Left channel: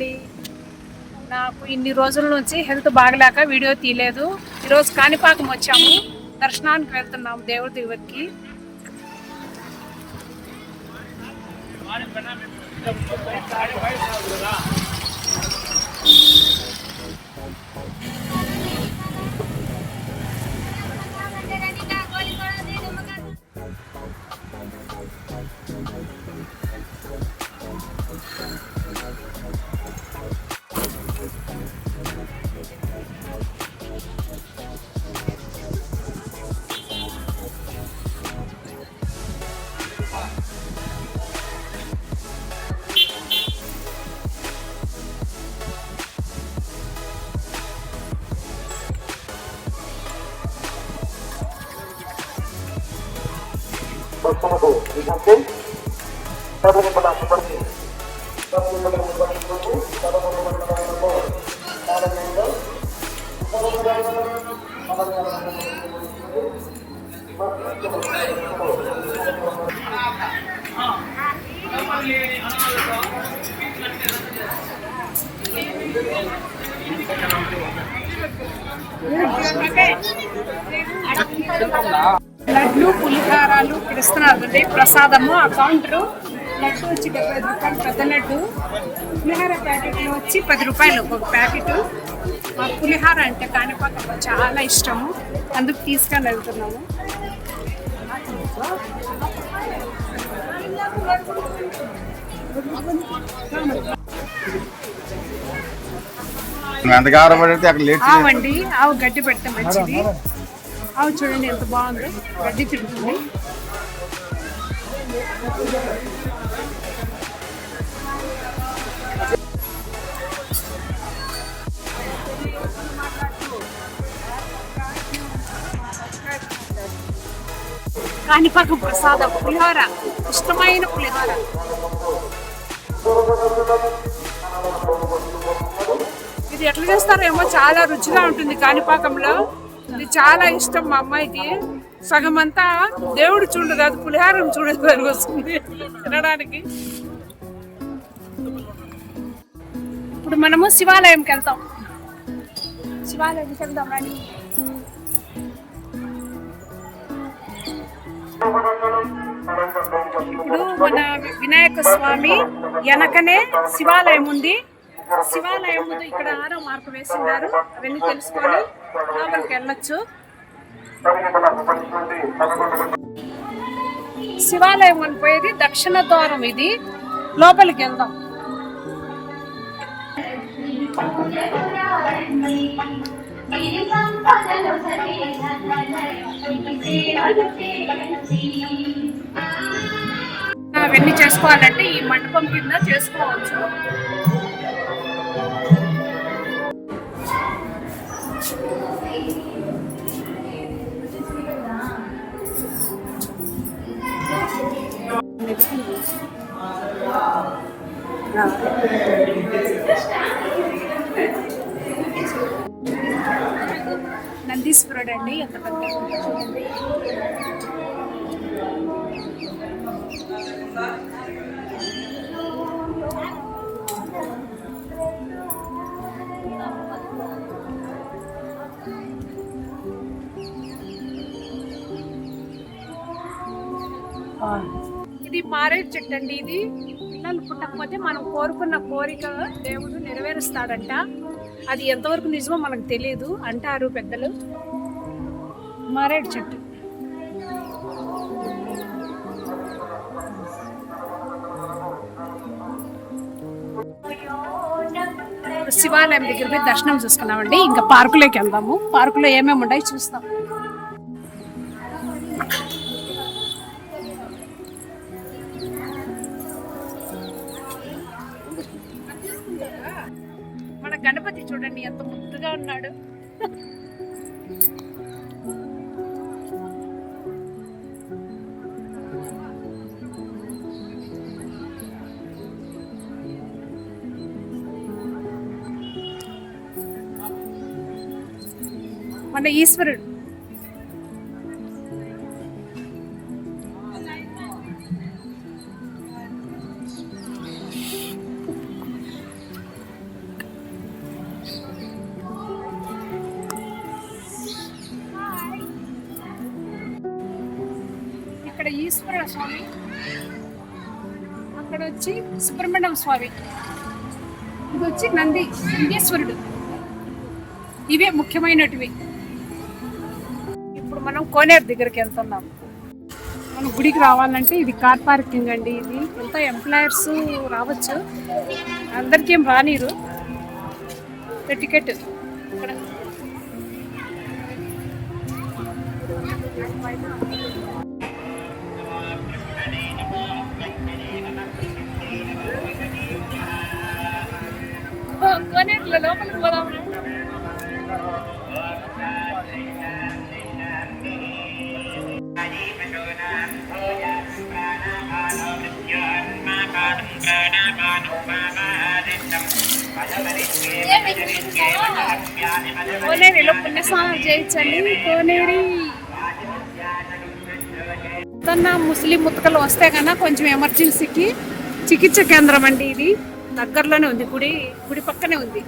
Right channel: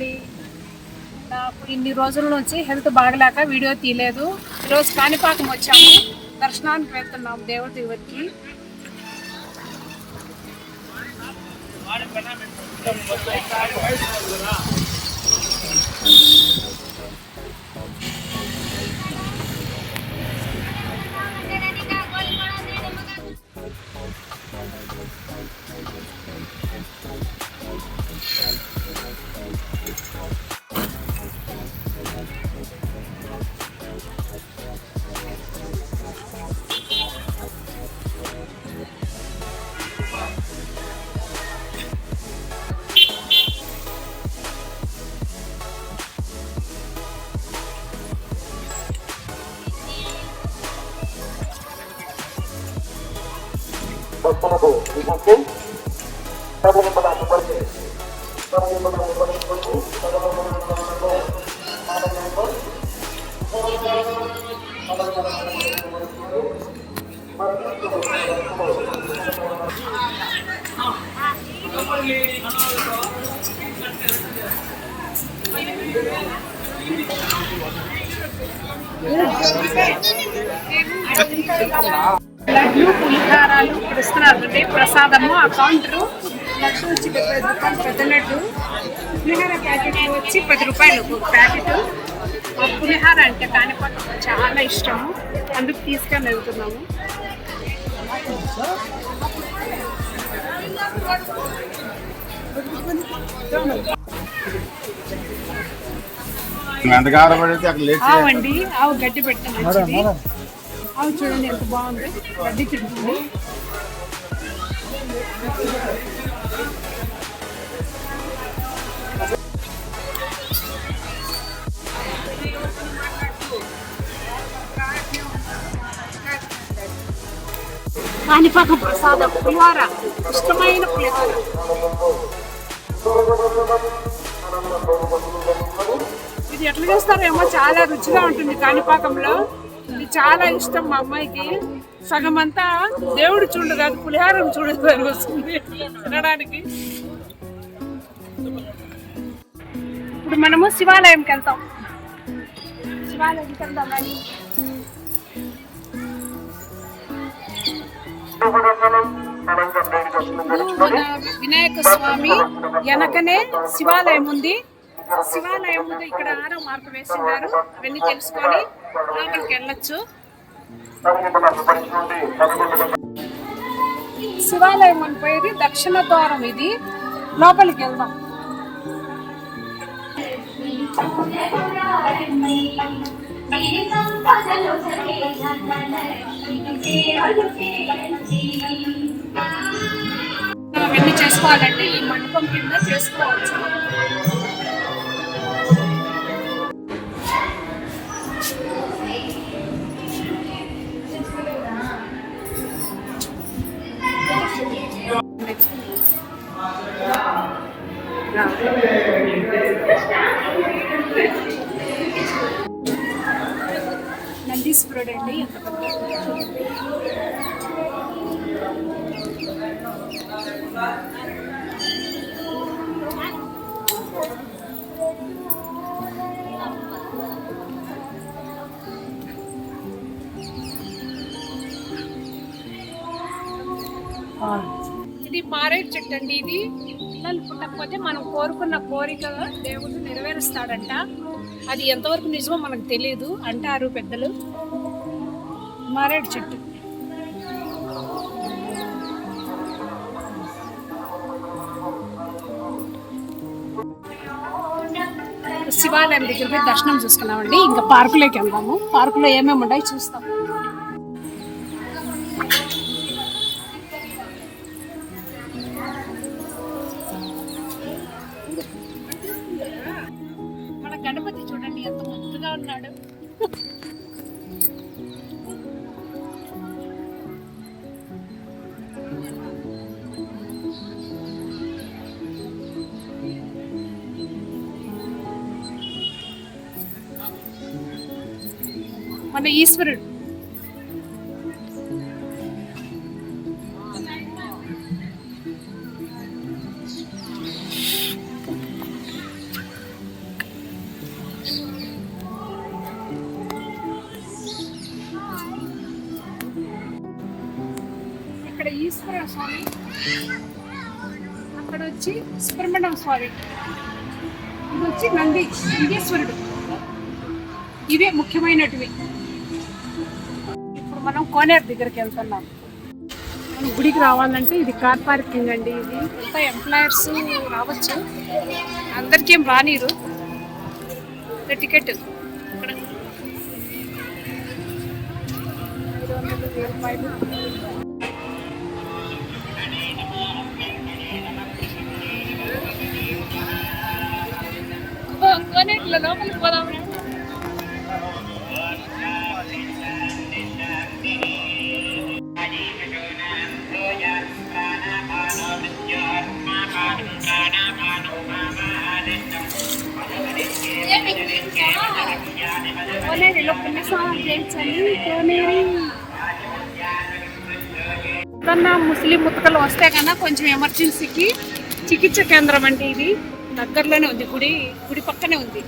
అండి. నాకు ఇన్ని రోజుల నుంచి హెల్త్ బాగలేక వీడియో తీయలేదు. ఈరోజు కాణిపాకం వచ్చాము, దర్శనానికి వెళ్తున్నాము దేవుడి దగ్గరికి. లడ్లు పులిహారాలు ఇప్పుడు ఇస్తున్నారు ప్రసాదము. ఆ కౌంటరు లడ్డు వచ్చి 70 రూపాయలు పెద్ద లడ్డు, పులిహార ప్యాకెట్ వచ్చి 10 రూపాయలు ఒక ప్యాకెట్. ఆ పులిహార అంటే కాణిపాకం చాలా ఇష్టము, అందుకు తీసుకొని వెళ్తున్నాము. ఆవండి, ఆవు గడ్డి పెడితే మంచిది. ఆవు చూడండి ఎంత బాగుంది, గడ్డి తింటుంది. కాణిపాకం ప్రసాదం పులిహార, ఇష్టమైన పులిహార. ఇది ఎట్లా చేస్తారేమో, చాలా రుచిగా ఉంటుంది కాణిపాకంలో. ఇది చాలా ఇష్టం మా అమ్మాయికి. సగం అంతా దేవుడు చూడు కాదు, పులిహారం చూడడానికి వస్తుంది తినడానికి. ఇప్పుడు మనము శివాలయంకి వెళ్తాం. శివాలయంకి వెళ్దాం కానీ వినాయక స్వామి వెనకనే శివాలయం ఉంది. శివాలయం ముందు ఇక్కడ 6వ మార్కు వేసినారు. అవన్నీ తెలుసుకొని లోపలికి వెళ్ళొచ్చు. శివాలయం అని పోయేది దక్షిణ ద్వారం. ఇది లోపలికి వెళ్దాం. అవన్నీ చేసుకోవాలంటే ఈ మండపం కింద చేసుకోవచ్చు. నందీశ్వరుడు అండి, ఎంత పెద్ద చూడండి. ఇది మారేడు చెట్టు అండి. ఇది పిల్లలు పుట్టకపోతే మనం కోరుకున్న కోరిక దేవుడు నెరవేరుస్తాడంట. అది ఎంతవరకు నిజమో మనకు తెలియదు అంటారు పెద్దలు. మారేడు చెట్టు. శివాలయం దగ్గర పోయి దర్శనం చూసుకున్నామండి. ఇంకా పార్కులోకి వెళ్దాము. పార్కులో ఏమేమి ఉన్నాయి చూస్తాం. మన గణపతి చూడండి ఎంత ముద్దుగా ఉన్నాడు. మన ఈశ్వరుడు. ఈశ్వర స్వామి, అక్కడ వచ్చి సుబ్రహ్మణ్యం స్వామి, ఇది వచ్చి నందీశ్వరుడు. ఇవే ముఖ్యమైనటివి. ఇప్పుడు మనం కోనేరు దగ్గరికి వెళ్తున్నాం. మనం గుడికి రావాలంటే ఇది కార్ పార్కింగ్ అండి. ఇది ఎంత ఎంప్లాయర్స్ రావచ్చు, అందరికీ ఏం రానిరు. టికెట్ ఇక్కడ కోనేరులో లోపలికి పోదాం. కోనేరులో పుణ్యస్నానం చేయించండి. కోనేరి ఏదన్నా ముస్లిం ముతకలు వస్తే కన్నా కొంచెం ఎమర్జెన్సీకి చికిత్స కేంద్రం అండి. ఇది దగ్గరలోనే ఉంది, గుడి పక్కనే ఉంది.